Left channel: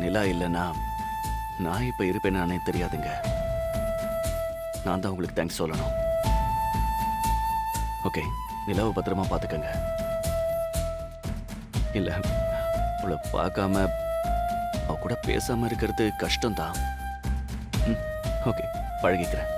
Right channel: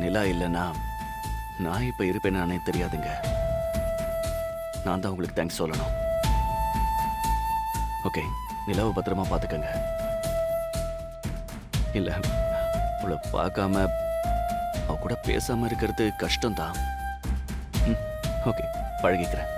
நிலா இல்லைன்னா நான் இப்ப இருப்பேனானே தெரியாதுங்க. நான் தான் உங்களுக்கு தேங்க்ஸ் சொல்லணும். ஓகே, நிலாவை பத்திரமா பார்த்துக்கங்க. இல்ல, அவளை பார்க்காம அவ கூட பேசாம இருக்கிறது கஷ்டம்தான். ஓகே, பழகிக்கிறேன்.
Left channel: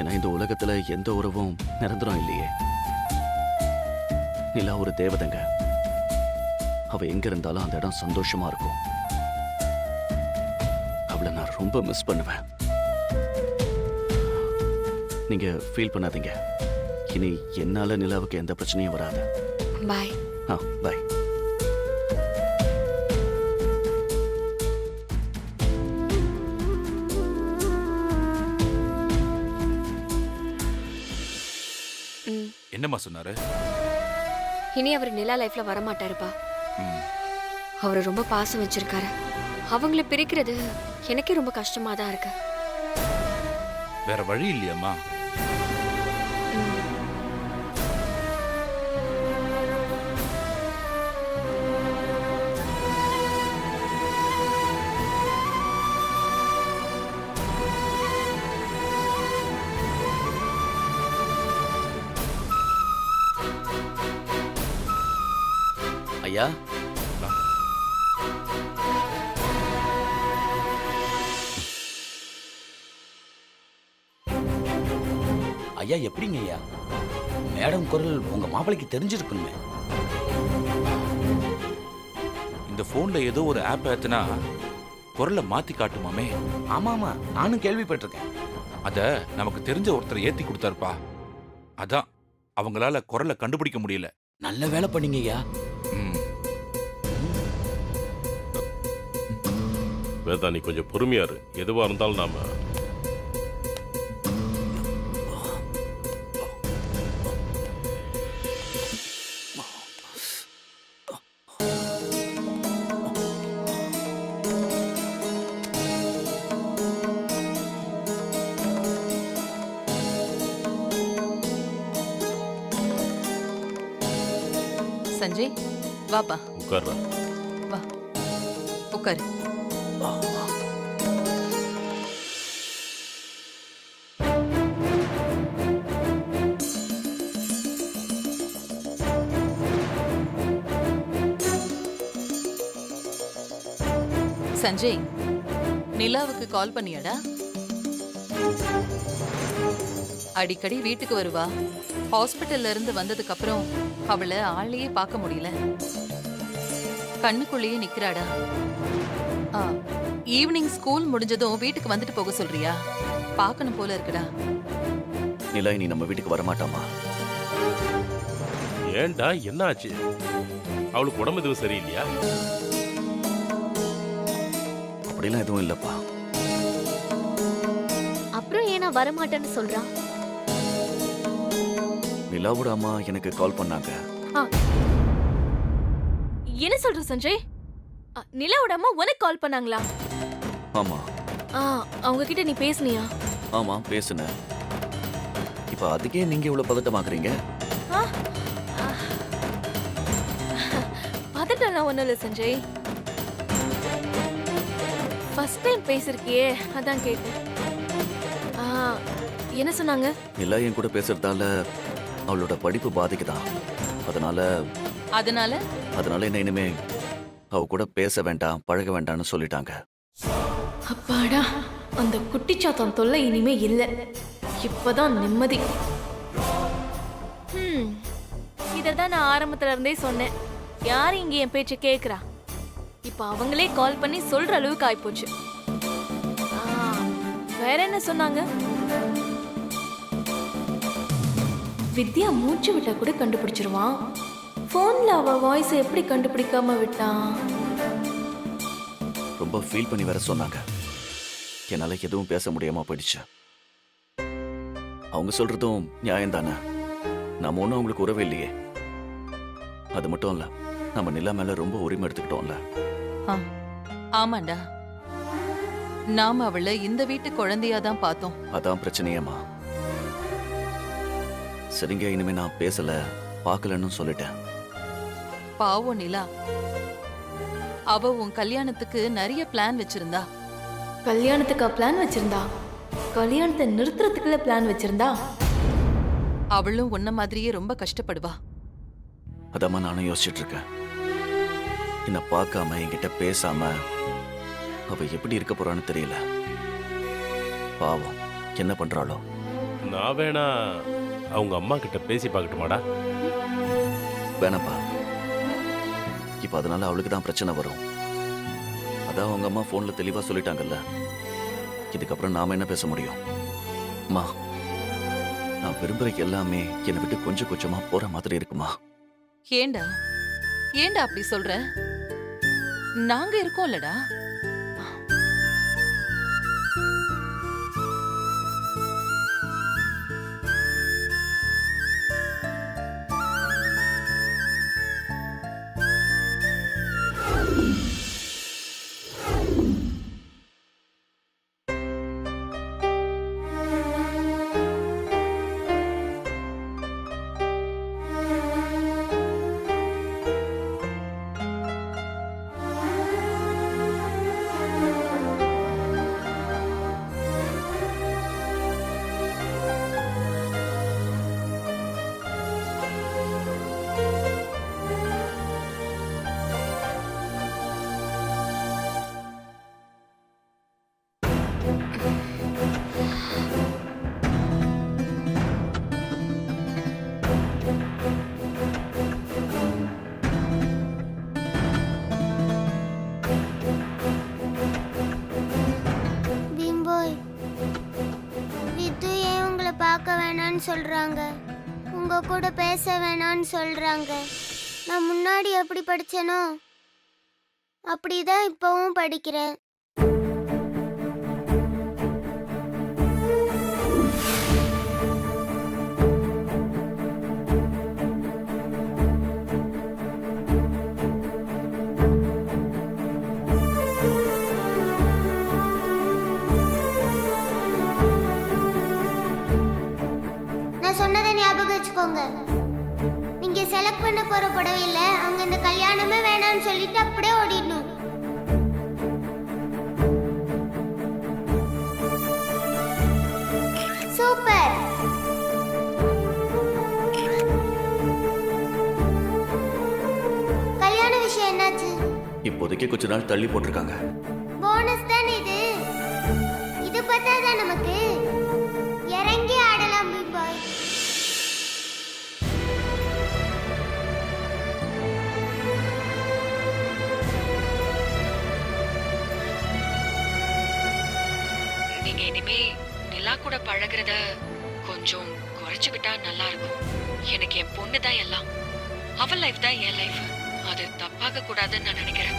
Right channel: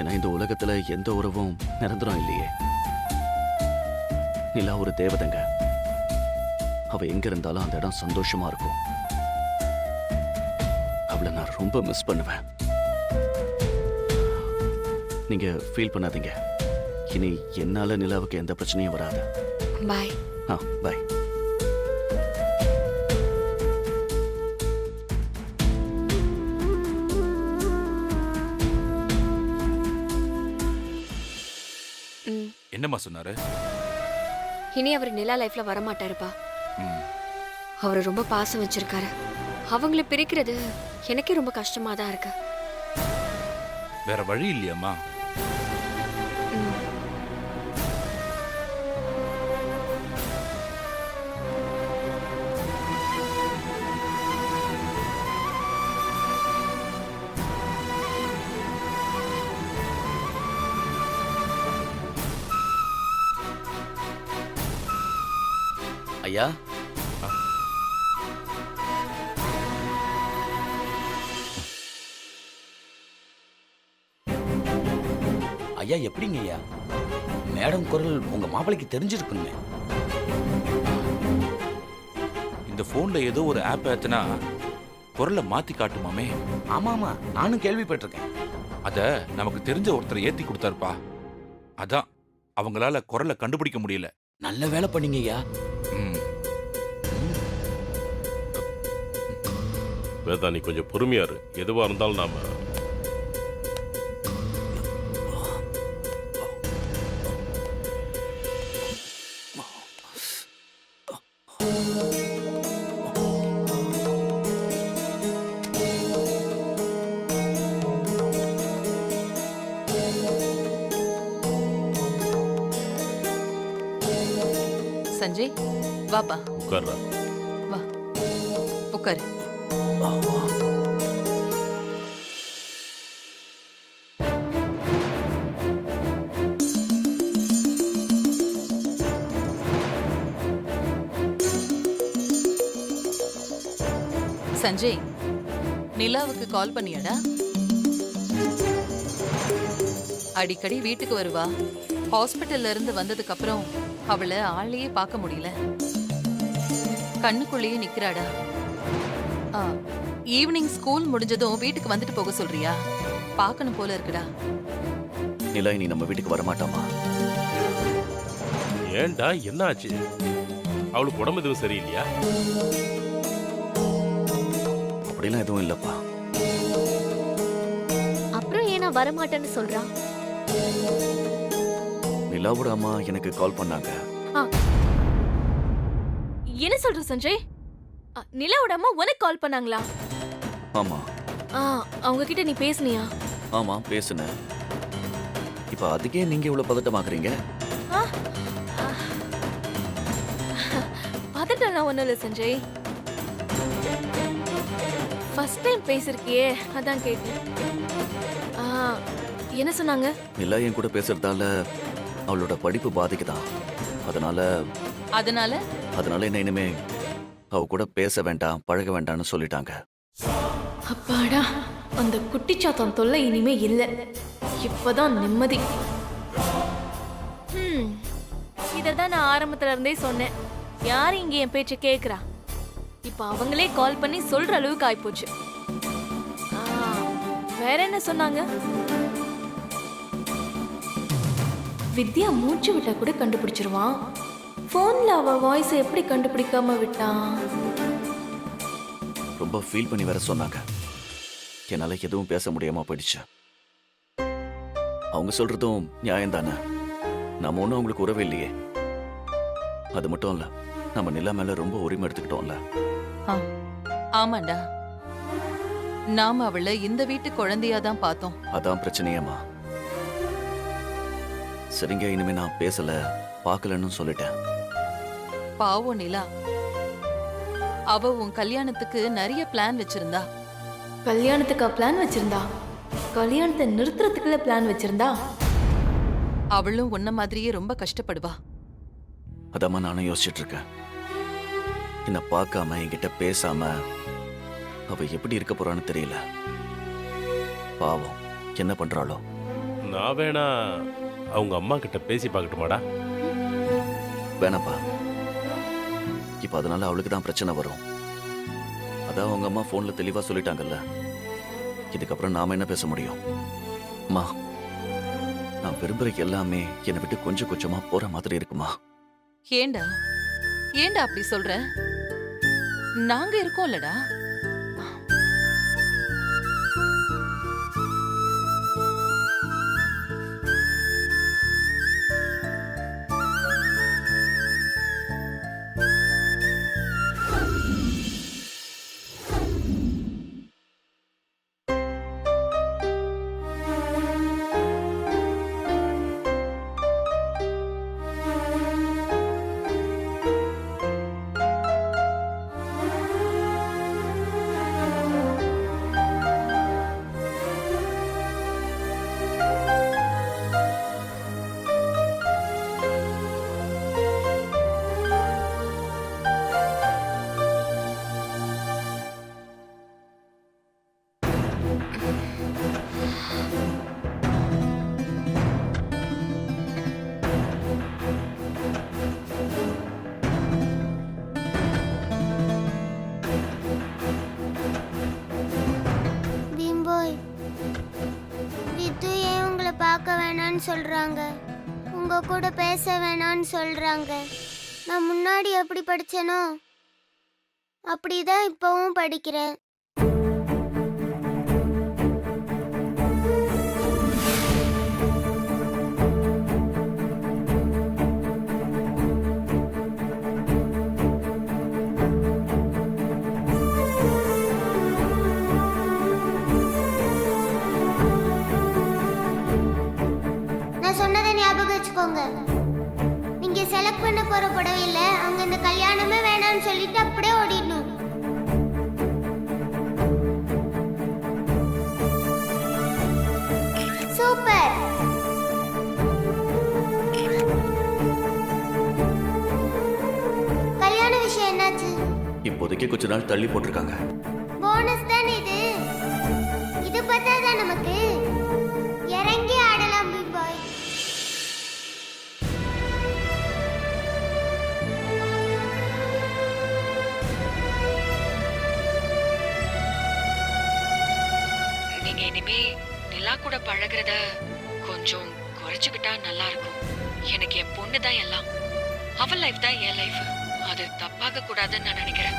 ஏன்னா இந்த உலகத்துல எந்த உறவும் நிரந்தரம் இல்லையே. நிலா ஒரு தேவதைங்க. அவ எங்க இருந்தாலும் அந்த இடம் சந்தோஷமா இருக்கும். அவளை நான் ரொம்ப மிஸ் பண்ணுவேன். நீங்க ஃபீல் பண்ணாதீங்க. இனி என்னால நிலாவுக்கு எந்த பிரச்சனையும் வராது. பாய். பாய். என்னம்மா சொன்னாரு? இனி அவர் நிலா லைஃப்ல வரமாட்டாருப்பா. ம். அவரு ரொம்ப பாசம் வச்சிருக்காரு. அவங்கள பிரிக்கிறது எனக்கே ரொம்ப கஷ்டமா தான் இருக்கு. வேற வழி இல்லையாம்மா? ம். ஐயா, ஐயா எப்படிங்க ஐயா? மேடம் குரல் உங்க மாப்பிளைக்கு தெரிஞ்சிருக்குமே. இந்த போன்ல ஏதோ ஒரு ஆப் ஏத்துனா குரலை மாத்தி காட்டுமாமே. ஆமா ஆமா, நானும் கேள்விப்பட்டிருக்கேன். அத நமக்கு தெரிஞ்ச ஒருத்தர் ஏத்தி கொடுத்தாருப்பா. அதான் அவங்களால குரலை கண்டுபிடிக்க முடியல. நல்ல வேலை பண்ணீங்க ஐயா. ம். வேதா, நீ கொஞ்சம் பொறுமையா இரு. எதுவா இருந்தாலும் நாம சஞ்சய், வாப்பா. உட்கார்றா. வா, உட்காரு. சஞ்சய், நிலாவுக்கு கால் பண்ணியாடா? அடிக்கடி வீட்டுக்கு வருவா. ஹாஸ்பிட்டல்ல இருந்து வந்ததுக்கு அப்புறம் அவளை ஆளையே பார்க்க முடியல. கண்ணுக்குள்ளேயே நிக்கிறாடா. ஈவினிங் ஸ்கூல் முடிஞ்சதும் வீட்டுக்கு வந்துட்டு போக சொல்றியா? பார்க்கணும் போல இருக்குடா. நிலா இனி நம்ம வீட்டுக்கு வரமாட்டாமா? ஏன்டா, என்ன ஆச்சு? அவளுக்கு உடம்பு எதுவும் சரியில்லையா? அப்படிலாம் எதுவும் இல்லப்பா. அப்புறம் ஏனா வரமாட்டேன்னு சொல்றான்? நிலாவோட அம்மா எனக்கு கால் பண்ணாங்க. என்ன சொல்ற சஞ்சய்? நிலாவோட அம்மா உனக்கு கால் பண்ணாங்களா? ஆமா. அவங்க கிட்ட நீ பேசுனியா? ஆமா, பேசுனேன். இப்ப அதுக்கே நீங்க இவ்வளவு பதட்டமாக்குறீங்க? பதட்டம்லாம் ஒண்ணும் இல்ல சஞ்சய். ஃபர்ஸ்ட் டைம் பேசிருக்கியே, அதான் கேட்டேன். என்ன சொன்னாங்க? நிலா என் கூட பேசுறதால அவளோட படிப்பு பாதிக்குதான். அதனால என்ன இனிமே அவ கூட பேச வேண்டாம், பழக வேண்டாம்னு சொல்லிட்டாங்க. அப்பாடா, அந்த குட்டிச்சாத்தம் தொல்லை இனிமே இல்ல. இப்பதான் நிம்மதி. இததான் நான் ஆரம்பத்துல இருந்தே சொன்னேன். யாரு இங்க என் பேச்ச கேக்குறா? இப்ப அவங்களே கால் பண்ணி சொல்ற அளவுக்கு ஆயிப்போச்சு. வேற என்ன சொன்னாங்க? வித்யா மூச்சு விட்டா கூட கண்டுபிடிச்சிருவான். போன்ல அவ வாய்ஸ் எப்படி கண்டுபிடிக்காம விட்டான்? ரொம்ப ஃபீல் பண்ணி வேற சொன்னாங்க. என்னால எதுவும் பேச முடியாம போயிடுச்சு. அவங்க சொல்றதும் நியாயம் தானே. நம்ம ஒன்றும் அவங்களுக்கு உறவே இல்லையே. அது மட்டும் இல்ல, நம்ம நிலா மேல ரொம்ப உரிமை எடுத்துக்கிட்டோம்ல. ஆமாண்டா, நாம அவளை இந்த வீட்டு குழந்தையாதான் பார்த்தோம். அதான் பிரச்சனையேம்மா. சரிங்க, இனிமே நான் பேசல, பார்க்கலன்னு சொல்லிட்டேன். பாவம் நிலா. அவ உன் கல்யாணத்துக்கு நிறைய பிளான் வச்சிருந்தா. கல்யாணத்துக்கா பிளான் வச்சிருந்தா? கல்யாணத்தை நிறுத்துறதுக்குள்ள பிளான் வச்சிருந்தா? அவளும் உன்ன மாதிரியே ரொம்ப கஷ்டப்படுவா. அதாம்மா நானும் யோசிச்சுட்டு இருக்கேன். என்னை பார்க்காம என்கிட்ட பேசாம அவ எப்படி இருக்க போறான்னு தெரியல. பாவம், என்ன பண்றாளோ? நான் வேணா அவங்க அம்மா கிட்ட பேசி பார்க்கட்டுமாடா? வேணாப்பா, இப்ப அதனால அவளுக்கு தான் பிரச்சனை வரும். அதான் அவங்க அம்மா போன்ல தெளிவா சொல்லிட்டாங்கல்ல. இதுக்கப்புறம் நாம என்ன பேச முடியும்? அம்மா, நான் விரும்புற எல்லாமே என்னை விட்டு கொஞ்சம் கொஞ்சமா போற மாதிரி இருக்குமா? ஏண்டா ஏண்டா அப்படி சொல்ற? நாங்க இருக்கோம்லடா. பீம்போய், வித்து ஏன் உங்களை பார்க்க வேணான்னு சொல்றாங்க? உங்க கூட பேச வேணான்னு சொல்றாங்க. நான் முன்னாடி எப்படி படிச்சேனோ அப்படிதான் இப்பவும் படிக்கிறேன். நான் சொன்னதை ஞாபகம் வச்சுக்கோங்க. நீங்க செலக்ட் பண்ண போற புடவையில அங்க இந்த கல்யாணமே வேணாம்னு சொல்லிட்டு அப்படியே ஓடிடணும். சூப்பர். கல்யாண விஷயம் என்னாச்சு? இப்போதைக்கு கொஞ்ச நாள் தள்ளி போட்டிருக்காங்க. போனஸ் தான் இது. இது பத்தாதான் நமக்கு? இறங்கி ஆடலாம் பாய். நீங்க இனிமே நிலா கூட பழகுறத கொஞ்சம் குறைச்சுக்கிட்டா நல்லா இருக்கும். எனக்கு என் பொண்ணு தான் எல்லாம். அவள் லைஃப் தான் என் லைஃப். அது தப்பாக கூடாதுன்னு நான் நினைக்கிறேன்.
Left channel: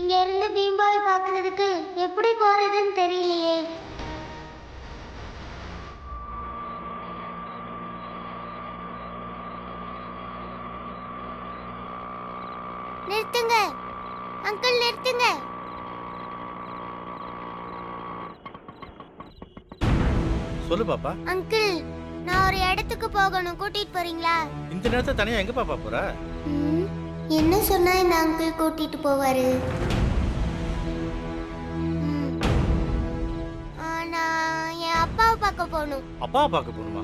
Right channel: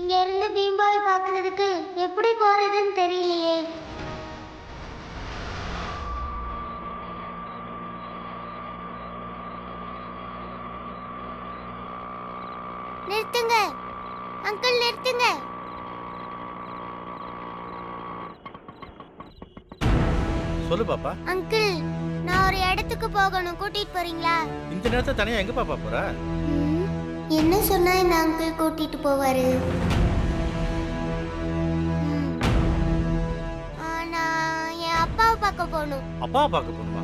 இங்க இருந்து பீம்பாவை பார்க்கறதுக்கு எப்படி போறதுன்னு தெரியலையே. நிறுத்துங்க அங்கிள், நிறுத்துங்க. சொல்லு பாப்பா. அங்கிள், நான் ஒரு இடத்துக்கு போகணும், கூட்டிட்டு போறீங்களா? இந்த நேரத்தை தனியா எங்க பாப்பா போற? என்ன சொன்னா இந்த அங்கிள் கூட்டிட்டு போவாரு? நான் என் அப்பாவை பார்க்க போகணும். அப்பாவை பார்க்க போகணுமா?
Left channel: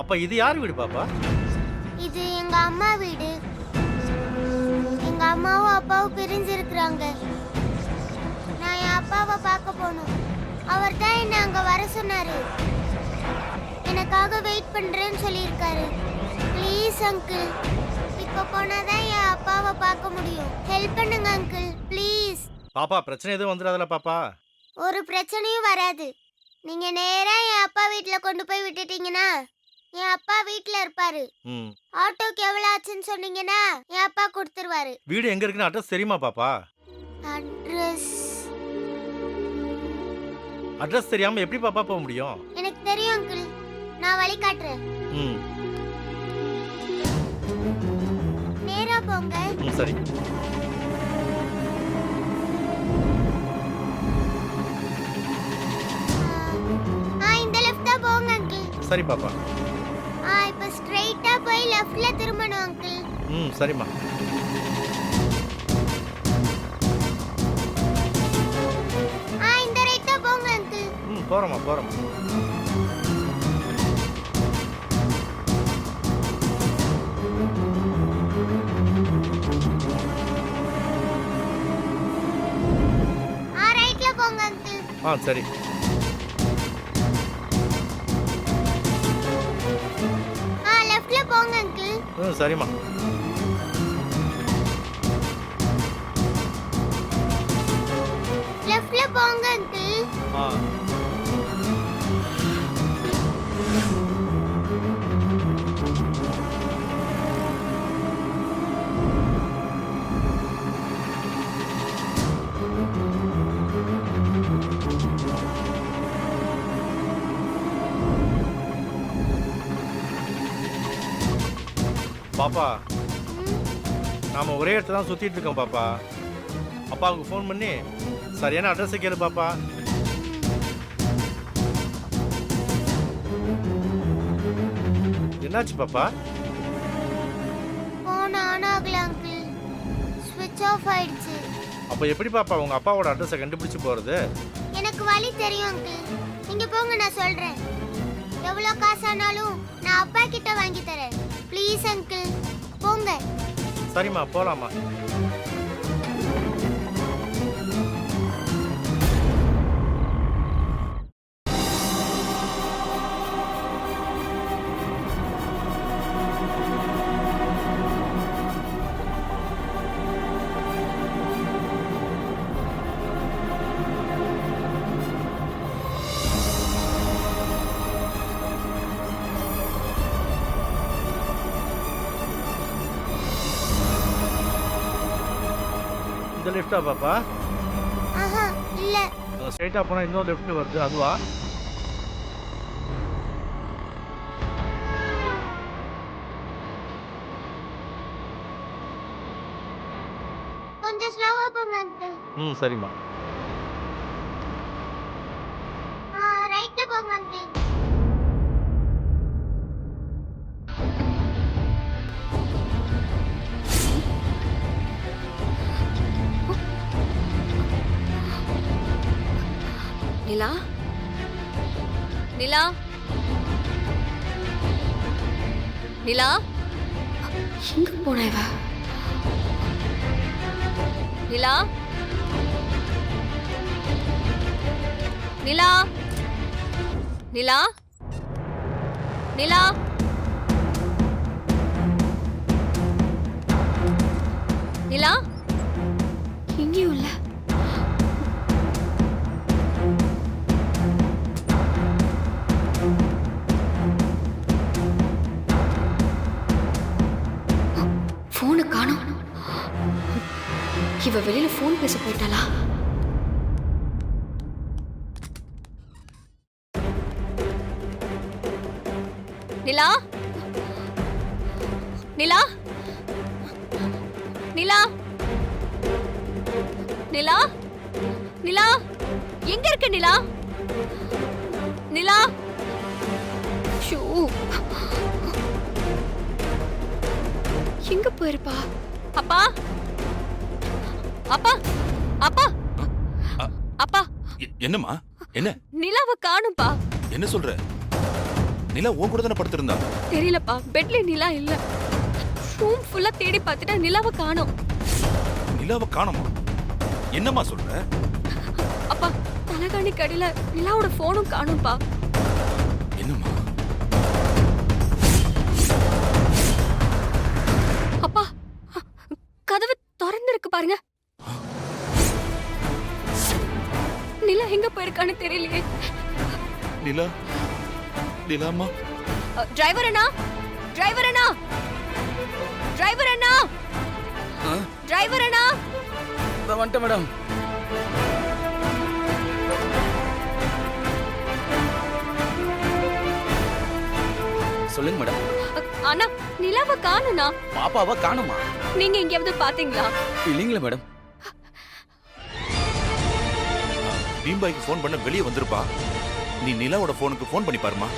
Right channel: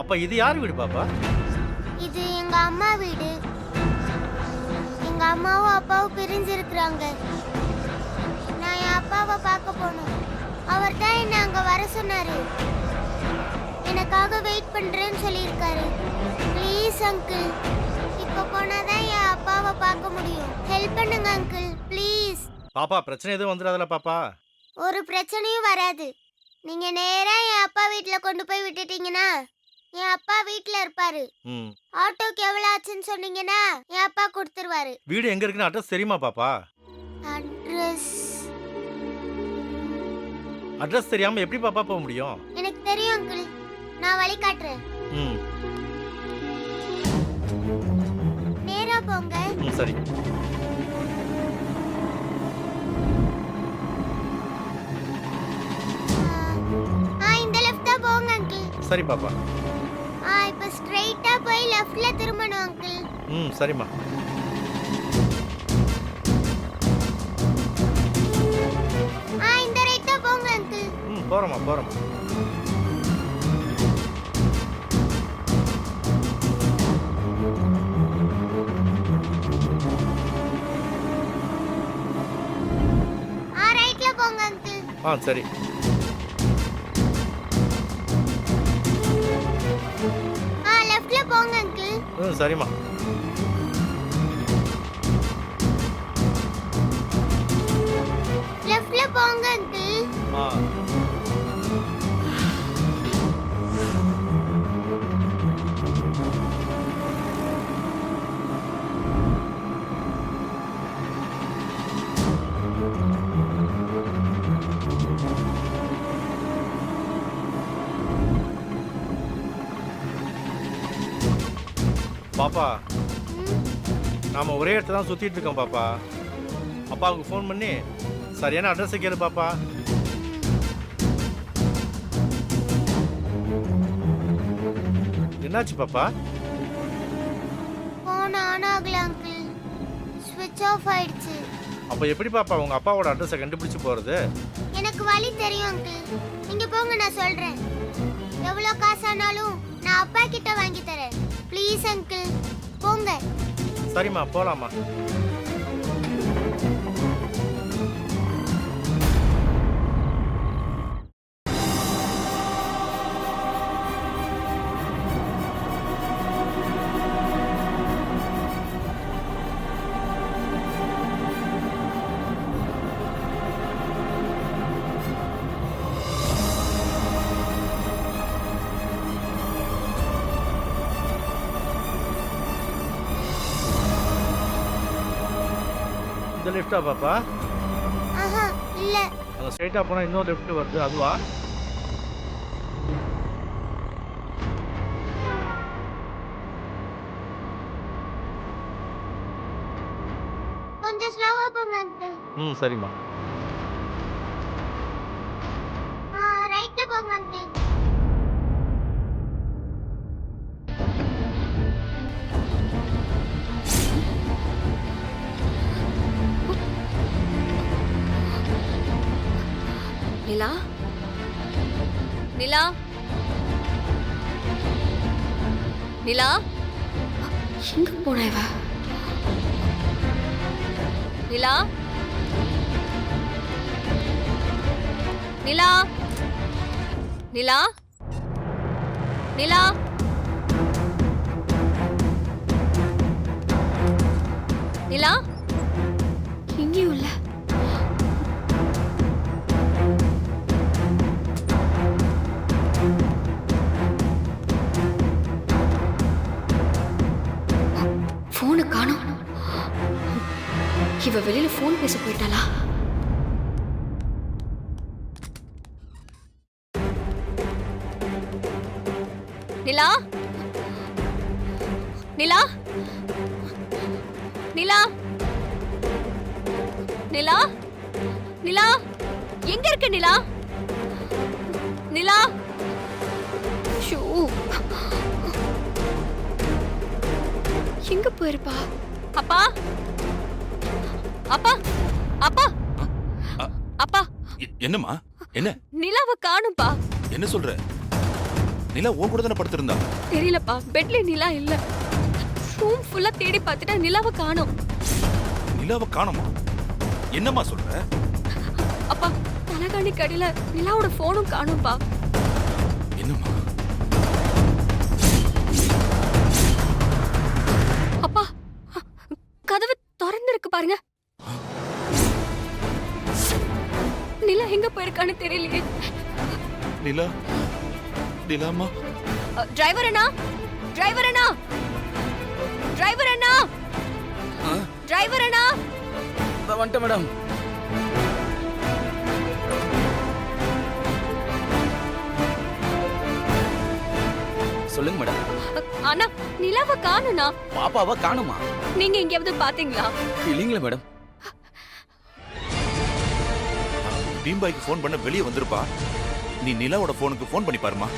அப்பா இது யார் வீடு பாப்பா? இது எங்க அம்மா வீடு. எங்க அம்மாவும் அப்பாவும் பிரிஞ்சிருக்கிறாங்க. நான் என் அப்பாவை பார்க்க போகணும். அவர் தான் என்ன அங்க வர சொன்னாரு. எனக்காக வெயிட் பண்றேன்னு சொல்லியிருக்காரு. ப்ளீஸ் அங்கிள், இப்போ போனாதான் என் அப்பாவை பார்க்க முடியும். ஹெல்ப் பண்ணுங்க அங்கிள், ப்ளீஸ். பாப்பா பிரச்சனை எதுவும் வந்துடாதல பாப்பா? ஒரு பிரச்சனையும் வராது. நீங்க நேரா என் அப்பா வீட்ல கொண்டு போய் விட்டுட்டீங்கன்னா என் அப்பா வீட்ல இருப்பாரு. ஆட்டோக்கு எவ்வளவு ஆச்சுன்னு சொன்னீங்கன்னா என் அப்பா கொடுத்துருவாரு. வீடு எங்க இருக்குன்னு அட்ரஸ் தெரியுமா பாப்பா? அட்ரஸ் தெரியாம எப்படி பாப்பா போக முடியும்? எனக்கு தெரியும் அங்கிள், நான் வழி காட்டுறேன். நேரா போங்க. சரி. இந்த லெஃப்ட் தான் போங்க அங்கிள். சரி பாப்பா. இப்போ ஸ்ட்ரைட்டா போய் லெஃப்ட்ல திரும்பணும் அங்கிள். சரிம்மா. இந்த ரைட்டா போங்க அங்கிள். போறோமா போறோமா. ரைட்ல போங்க அங்கிள். சரி. லெஃப்ட்ல போங்க அங்கிள். சரிம்மா. லெஃப்ட்ல போங்க அங்கிள். பாப்பா நாம ஒரே இடத்துல தான் சுத்திட்டு இருக்கோம் பாப்பா. அப்பாவுக்கு ஃபோன் பண்ணி சரியான அட்ரஸ் கேளு பாப்பா. என்னாச்சு பாப்பா? போன் ஆன் ஆகல அங்கிள், ஸ்விட்ச் ஆஃப் ஆயிடுச்சு. அப்ப எப்படி பாப்பா உங்க அப்பாவோட அட்ரஸை கண்டுபிடிச்சு போறது? எனக்கு வழி தெரியும் அங்கிள், நீங்க போங்க, நான் சொல்றேன். எவ்வளவு காசானாலும் நான் அப்பா கிட்ட வாங்கி தரேன். ப்ளீஸ் அங்கிள், போங்க. சரிம்மா போலாமா. இந்த லெஃப்டா பாப்பா? இல்ல, அங்க ஸ்ட்ரைட்டா போனா இன்னொரு லெஃப்ட் வருது, அதுவா? கொஞ்சம் ஸ்லோவா போங்க அங்கிள். சரிம்மா. ரைட்ல போங்க அங்கிள். நிலா, நிலா, நிலா, எங்க போன இவ? நிலா, நிலா, நிலா, நிலா, நிலா, எங்கேயும் இல்ல. போனை காணோம். இவ வெளியில ஃபோன் பேச போயிட்டாளா? நிலா, நிலா, நிலா, நிலா, நிலா, எங்க இருக்க நிலா? நிலா, ஷூ, எங்க போயிருப்பா? அப்பா, அப்பா, அப்பா, அப்பா, என்னம்மா? என்ன நிலாவை காணும்பா. என்ன சொல்ற? நிலா உன் கூட தானே படுத்திருந்தா? தெரியலப்பா, பெட்ல நிலா இல்ல. ரூம் ஃபுல்லா தேடி பார்த்துட்டா நிலாவை காணோம். நிலாவை காணோமா? என்னம்மா சொல்ற? அப்பா, தலகாணி கடியில நிலாவோட போனும் காணோம்பா. என்னம்மா? அப்பா, கதவு திறந்திருக்கு பாருங்க. நிலா எங்க போயிருக்கான்னு தெரியலையே. நிலா, நிலாமா? டிரைவர் அண்ணா, டிரைவர் அண்ணா, டிரைவர் அண்ணா, டிரைவர் அண்ணா. வந்துட்டேன் மேடம். சொல்லுங்க மேடம். அண்ணா, நிலாவை காணும்னா. பாப்பாவை காணுமா? நீங்க எங்கேயாவது பாத்தீங்களா? இல்லைங்களா மேடம். பீம்பாய்க்கு ஃபோன் பண்ண வெளியே வந்திருப்பா. நீ நிலாவோட ஃபோனுக்கு ஃபோன் பண்ணி பாருமா.